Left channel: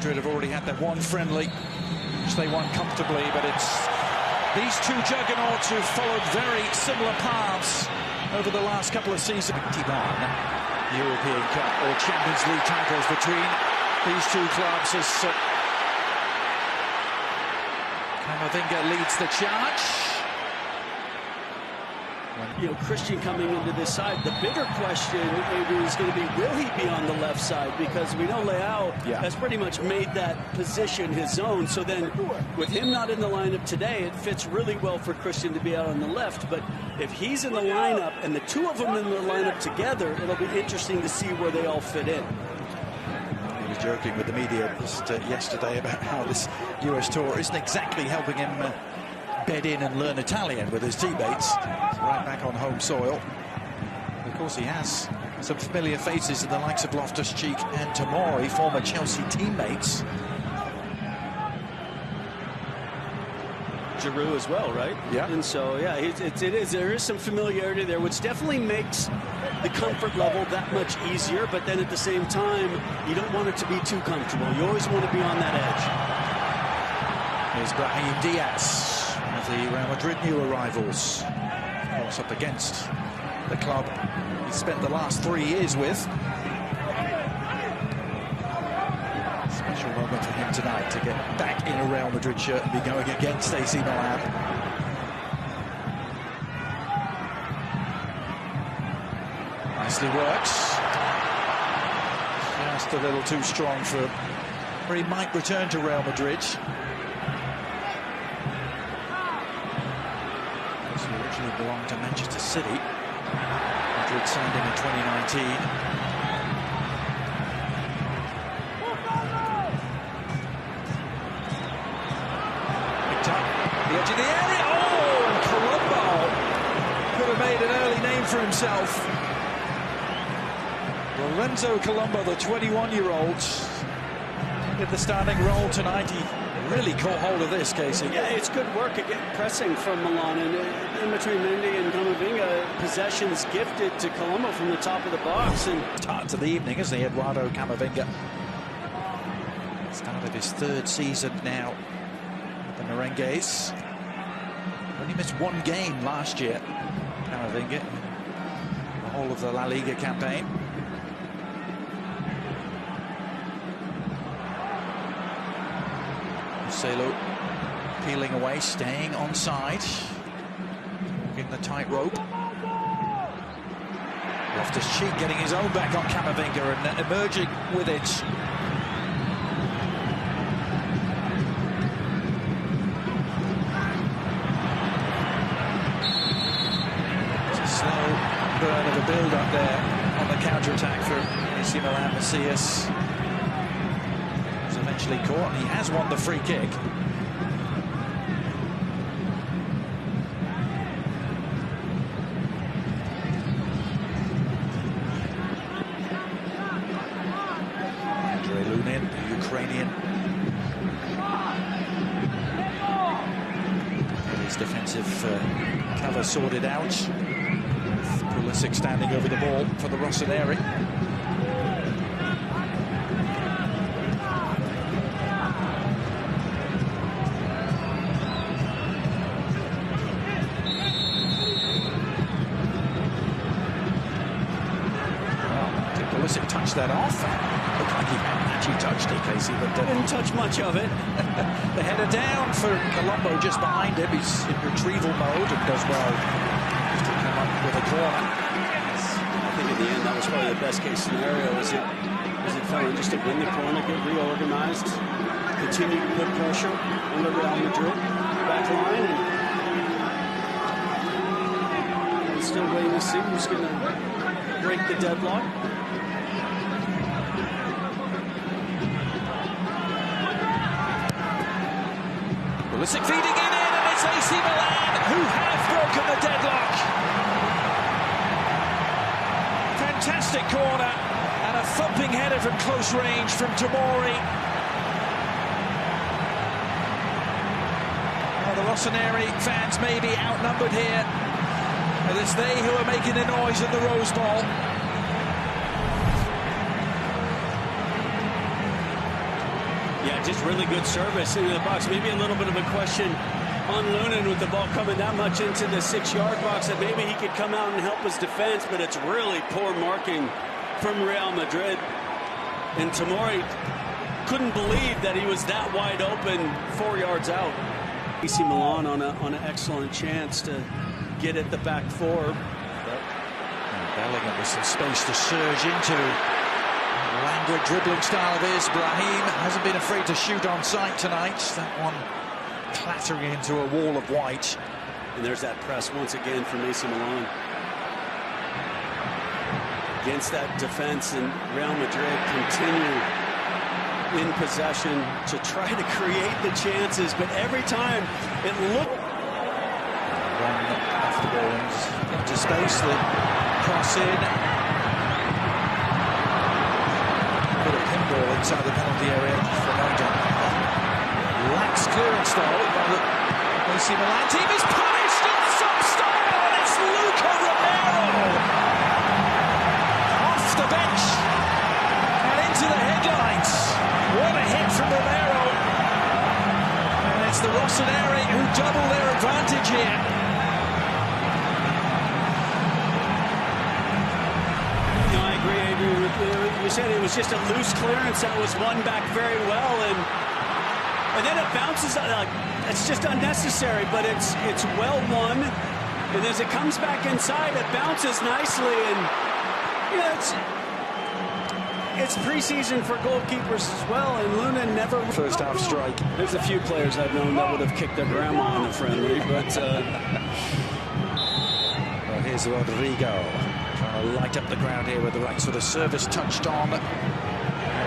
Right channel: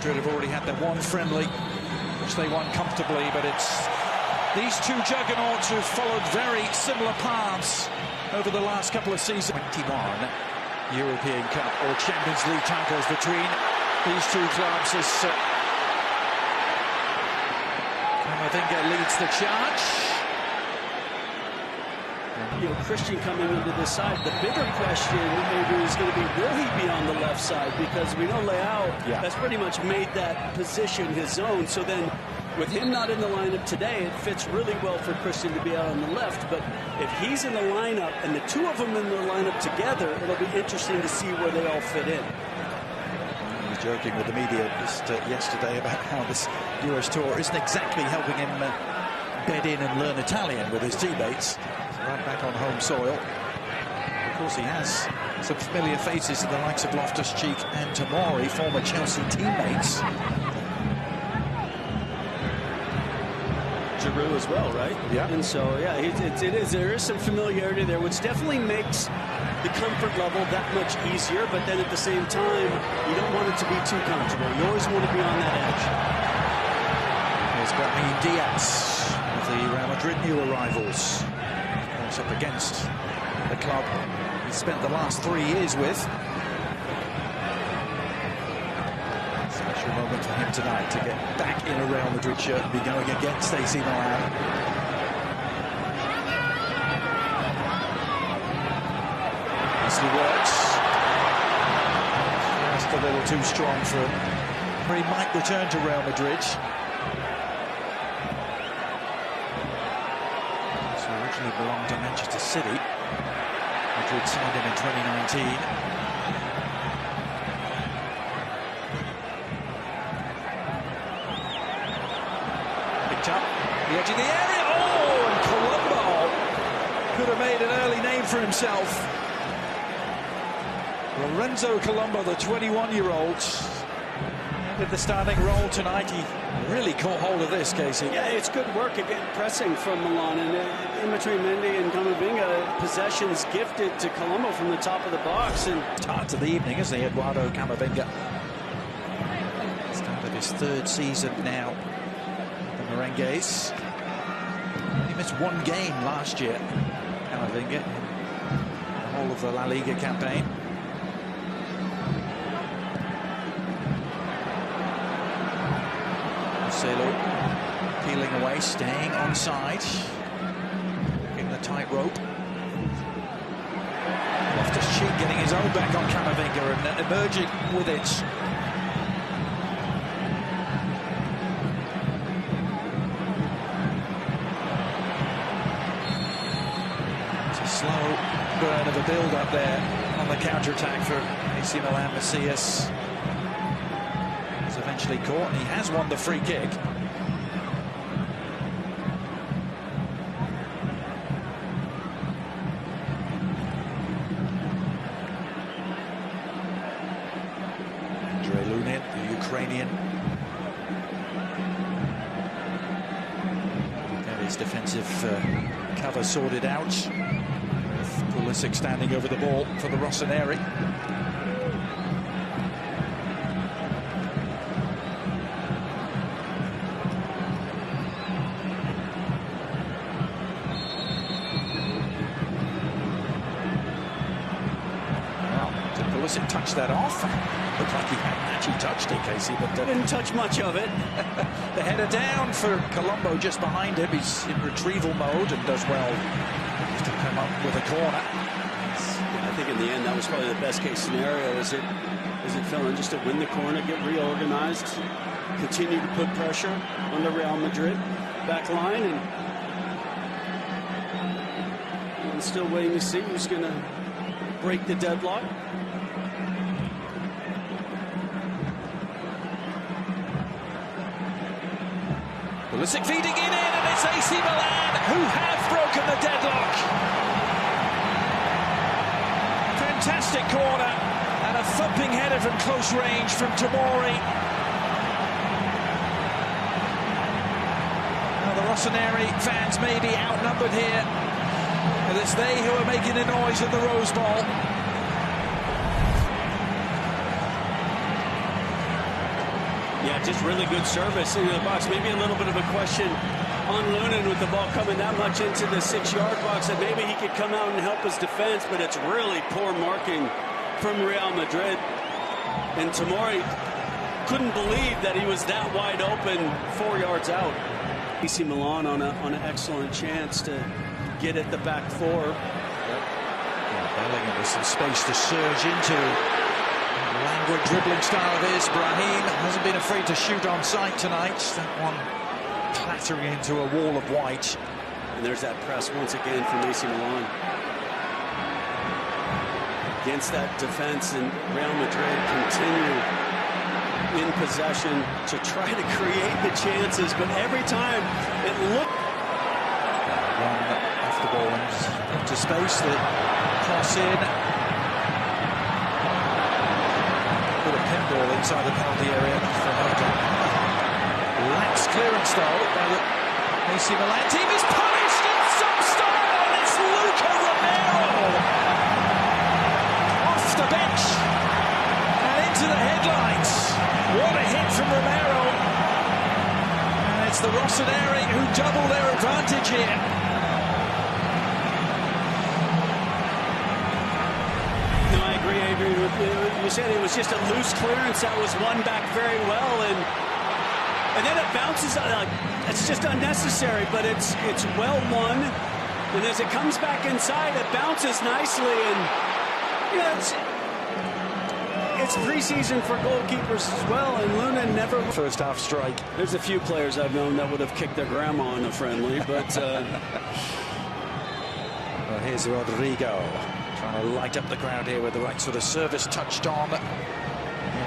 Madrid have already had their one friendly, which they won comfortably, but it's these two juggernauts who've followed very similar paths over the last couple of seasons. 21 European Cup or Champions League titles between these two clubs as Camavinga leads the charge. You know, Christian coming into this side, the bigger question maybe is going to be, will he be on the left side? Because we know Leao has pretty much made that position his own. So then with him not in the lineup today, it fits really well for Christian to be out on the left. But if he's in the lineup and the two of them in the lineup together, it'll be interesting to see where they all fit in. He was joking with the media just yesterday about how this US tour isn't exactly helping him bed in and learn Italian with his teammates. He's right back on home soil. Of course, he has some familiar faces in the likes of Loftus-Cheek and Tomori, former Chelsea teammates. Giroud as well, right? Yeah. And so, yeah, there is some familiarity there, which definitely makes the comfort level that much easier. But then at the same time, you don't want it to be too comfortable. You always want to be on that edge. Here's Brahim Diaz, one of the Real Madrid new arrivals. Of course, up against the club he spent the last 3 years with. Special moment for him tonight to get back in a Real Madrid shirt and be going against AC Milan. Nicely works. Just a little too strong for him. He might return to Real Madrid. Originally belonged to Manchester City. Madrid signed him in 2019. Picked up the edge of the area. Oh, and Colombo could have made an early name for himself. Lorenzo Colombo, the 21-year-old, entered the starting role tonight. He really caught hold of this, Casey. Yeah, it's good work again, pressing from Milan, and in between Mendy and Camavinga, possessions gifted to Colombo from the top of the box. And start to the evening, isn't he, Eduardo Camavinga? Start of his 3rd season now with the Merengues. Only missed 1 game last year, Camavinga, in the whole of the La Liga campaign. Marcelo peeling away, staying onside, walking the tightrope. Loftus-Cheek getting his own back on Camavinga and emerging with it. It's a slow burn of a build-up there on the counter-attack for AC Milan. Macias was eventually caught, and he has won the free kick. Andrei Lunin, the Ukrainian, got his defensive cover sorted out, with Pulisic standing over the ball for the Rossoneri. Pulisic touched that off. Looked like he hadn't actually touched it, Casey, but didn't touch much of it. The header down for Colombo just behind him. He's in retrieval mode and does well just to come up with a corner. I think in the end that was probably the best case scenario. As it fell in, just to win the corner, get reorganized, continue to put pressure on the Real Madrid back line, and still waiting to see who's going to break the deadlock. Pulisic feeding it in, and it's AC Milan who have broken the deadlock. Fantastic corner and a thumping header from close range from Tomori. Now the Rossoneri fans may be outnumbered here, and it's they who are making the noise in the Rose Bowl. Yeah, just really good service into the box. Maybe a little bit of a question on Lunin with the ball coming that much into the 6-yard box that maybe he could come out and help his defense, but it's really poor marking from Real Madrid. And Tomori couldn't believe that he was that wide open 4 yards out. AC Milan on an excellent chance to get at the back four. Yeah, Bellingham with some space to surge into. Languid dribbling style of his. Brahim hasn't been afraid to shoot on sight tonight. That one clattering into a wall of white. And there's that press once again from AC Milan. Against that defense, and Real Madrid continue in possession to try to create the chances, but every time it looked... Run off the ball into space, the cross in. Put a pinball inside the penalty area for Moda. Lax clearance though by the AC Milan team is punished in some style, and it's Luca Romero off the bench and into the headlines. What a hit from Romero, and it's the Rossoneri who double their advantage here. No, I agree, Adrian, with you. You said it was just a loose clearance that was won back very well, and then it bounces. It's just unnecessary, but it's well won. And as it comes back inside, it bounces nicely, and it's preseason for goalkeepers as well, and Luna never... First half strike. There's a few players I've known that would have kicked their grandma in a friendly, but... Well, here's Rodrigo trying to light up the crowd here with the right sort of service touched on. It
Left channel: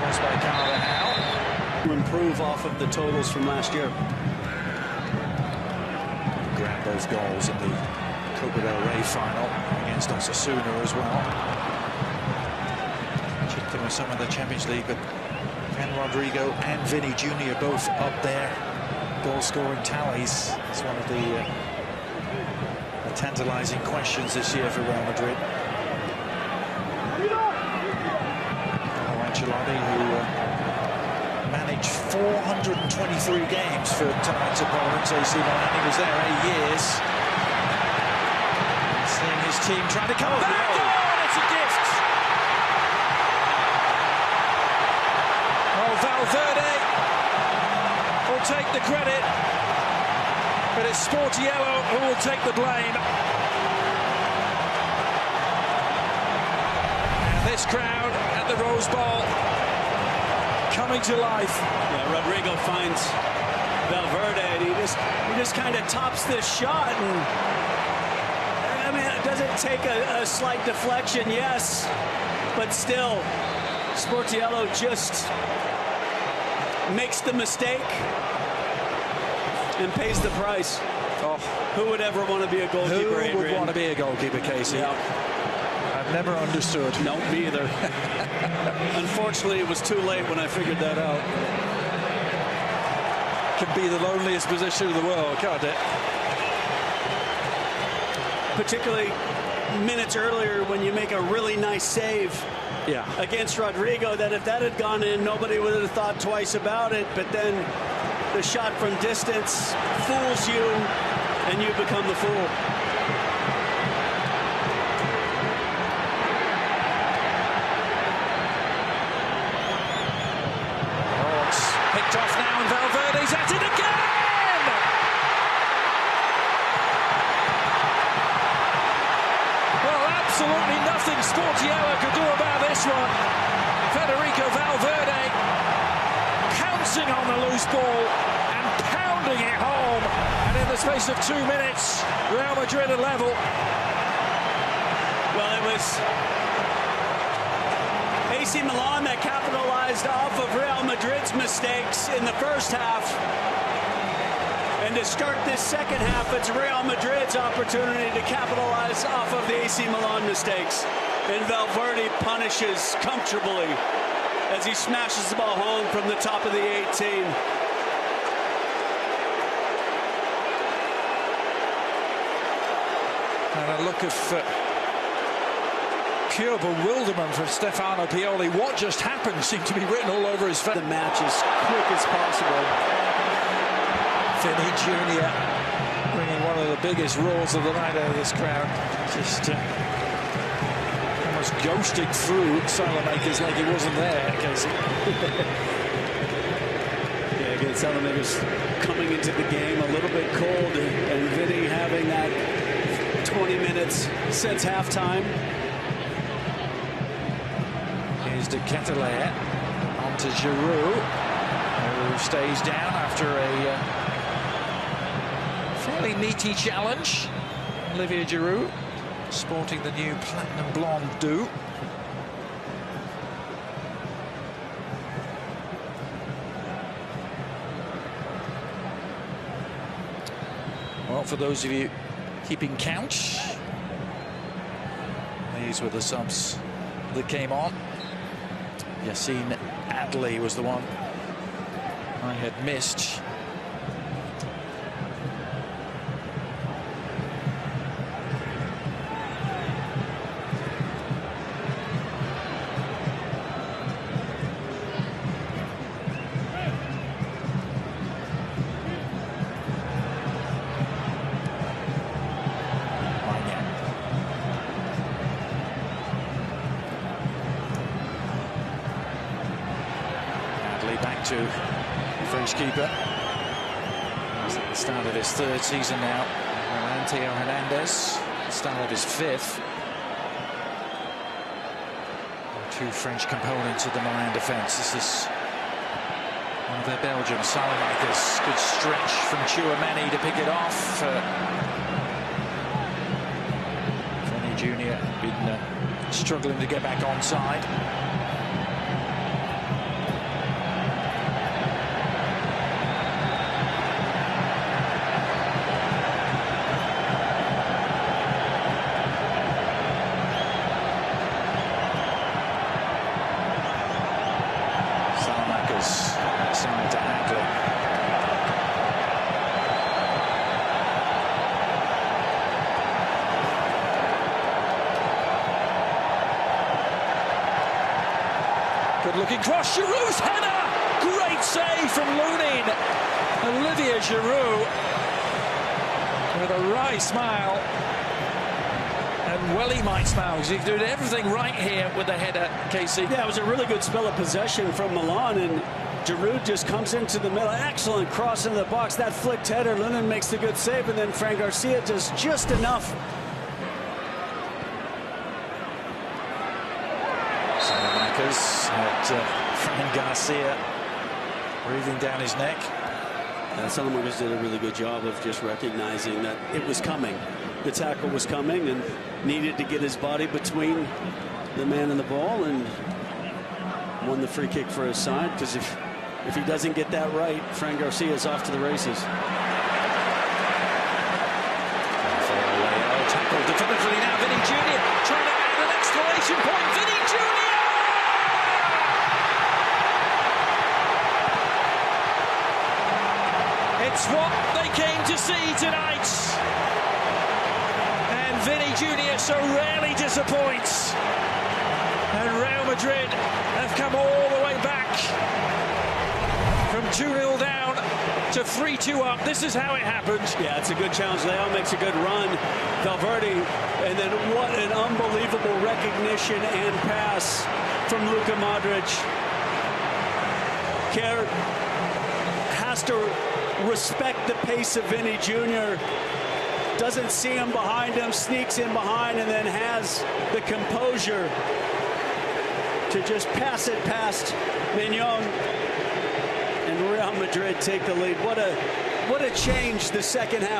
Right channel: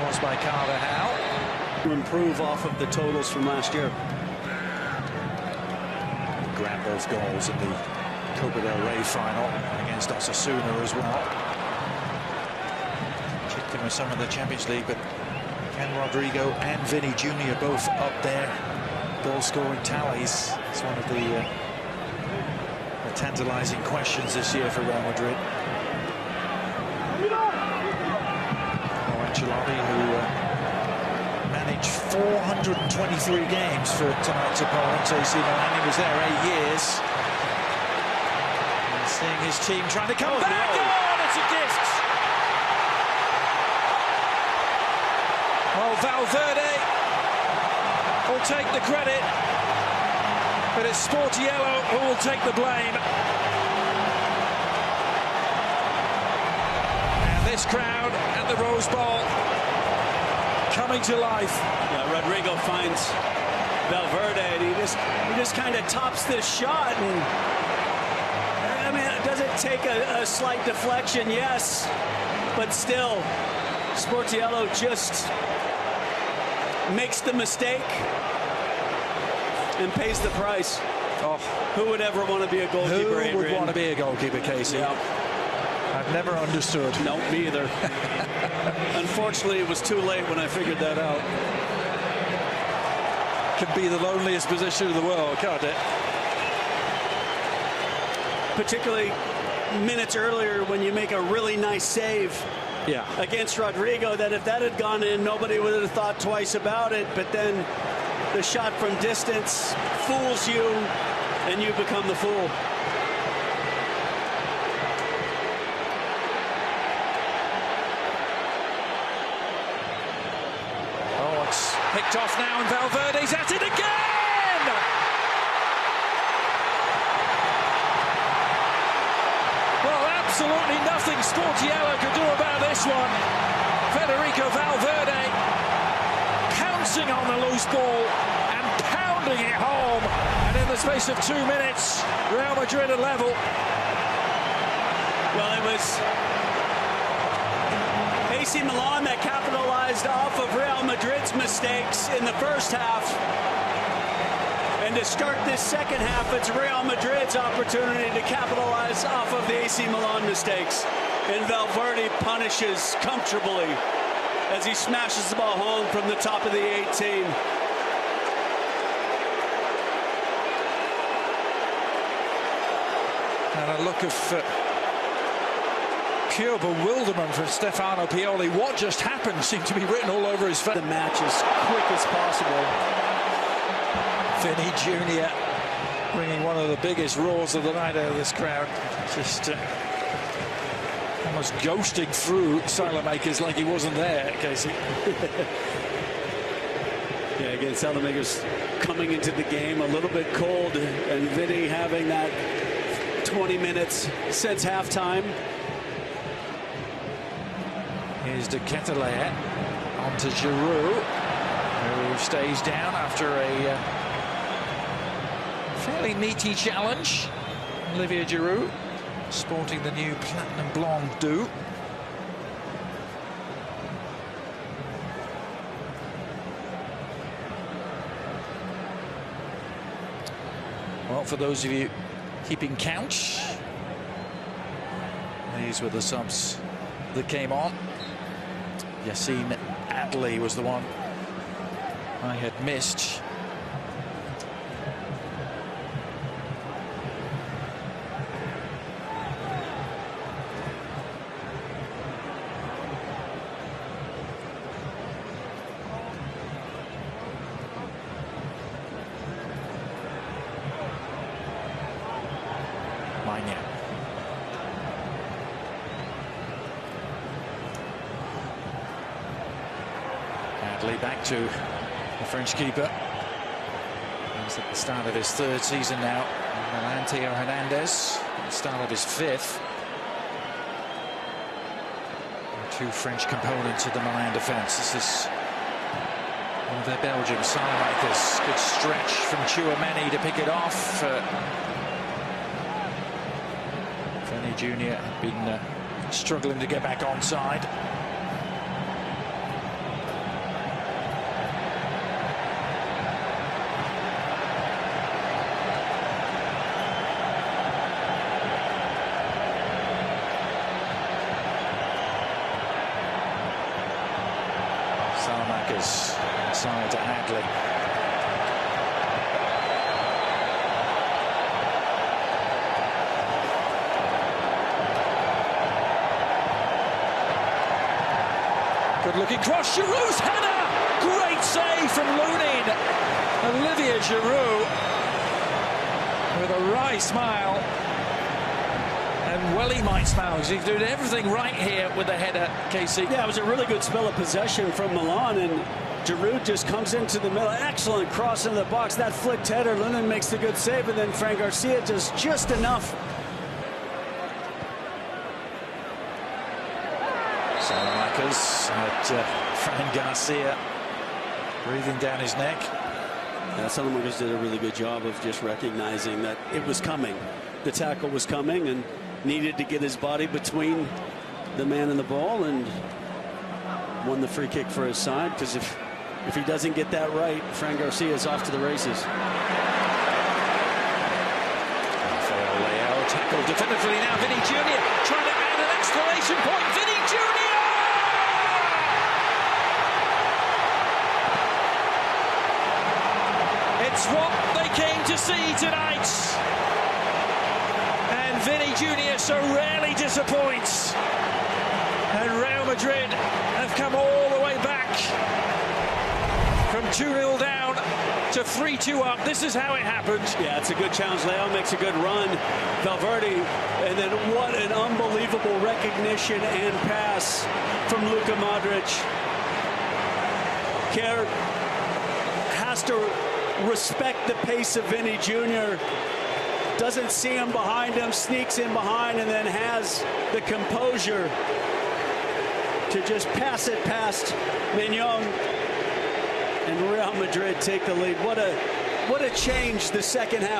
was by Carvajal. To improve off of the totals from last year. He grabbed both goals in the Copa del Rey final against Osasuna as well. Chipped in with some of the Champions League, but can Rodrigo and Vinny Jr. both up there goal-scoring tallies? It's one of the tantalizing questions this year for Real Madrid. Carlo Ancelotti, who managed 423 games for tonight's opponents, AC Milan. He was there 8 years. And seeing his team trying to come back. No. Oh, it's a gift. Well, Valverde will take the credit, but it's Sportiello who will take the blame. And this crowd at the Rose Bowl coming to life. Yeah, Rodrigo finds Valverde, and he just kind of tops this shot. And I mean, does it take a slight deflection? Yes, but still, Sportiello just makes the mistake and pays the price. Oh, who would ever want to be a goalkeeper, Who would want to be a goalkeeper, Casey? Yeah. I've never understood. No, me either. Unfortunately, it was too late when I figured that out. Can be the loneliest position in the world, can't it? Particularly minutes earlier when you make a really nice save against Rodrigo, that if that had gone in, nobody would have thought twice about it. But then the shot from distance fools you, and you become the fool. Oh, it's picked off now, and Valverde's at it again! Well, absolutely nothing Sportiello could do about this one. Federico Valverde pouncing on the loose ball and pounding it home. And in the space of 2 minutes, Real Madrid are level. Well, it was AC Milan that capitalized off of Real Madrid's mistakes in the first half. And to start this second half, it's Real Madrid's opportunity to capitalize off of the AC Milan mistakes. And Valverde punishes comfortably as he smashes the ball home from the top of the 18. And a look of pure bewilderment from Stefano Pioli. What just happened seemed to be written all over his face. The match as quick as possible. Vinny Jr. bringing one of the biggest roars of the night out of this crowd. Just almost ghosting through Salamakers like he wasn't there, Casey. Yeah, again, Salamakers coming into the game a little bit cold, and Vinny having that 20 minutes since halftime. Here's De Ketelaere on to Giroud, who stays down after a fairly meaty challenge. Olivier Giroud sporting the new platinum blonde do. Well, for those of you keeping count, these were the subs that came on. Yassine Adli was the one I had missed. Adli back to the French keeper. He's at the start of his third season now. Milan, Theo Hernandez, at the start of his fifth. Two French components of the Milan defence. This is one of their Belgians, Salamakers. Good stretch from Tchouameni to pick it off. Vinny Jr. had been struggling to get back onside. Salamakers inside to Adli. Good looking cross, Giroud's header! Great save from Lunin. Olivier Giroud with a wry smile. And well, he might smile because he's doing everything right here with the header, Casey. Yeah, it was a really good spell of possession from Milan, and Giroud just comes into the middle. Excellent cross into the box. That flicked header. Lunin makes the good save, and then Fran Garcia does just enough. Salamakers at Fran Garcia breathing down his neck. Yeah, Salamakers did a really good job of just recognizing that it was coming. The tackle was coming and needed to get his body between the man and the ball, and won the free kick for his side, because if he doesn't get that right, Fran Garcia is off to the races. Rafael Leao tackled definitively now. Vinny Jr. trying to add an exclamation point. Vinny Jr. It's what they came to see tonight. And Vinny Jr. so rarely disappoints. And Real Madrid have come all the way back from 2-0 down to 3-2 up. This is how it happened. Yeah, it's a good challenge. Leao makes a good run. Valverde, and then what an unbelievable recognition and pass from Luka Modric. Kerr has to respect the pace of Vinny Jr. Doesn't see him behind him, sneaks in behind, and then has the composure to just pass it past Mignon, and Real Madrid take the lead. What a change the second half.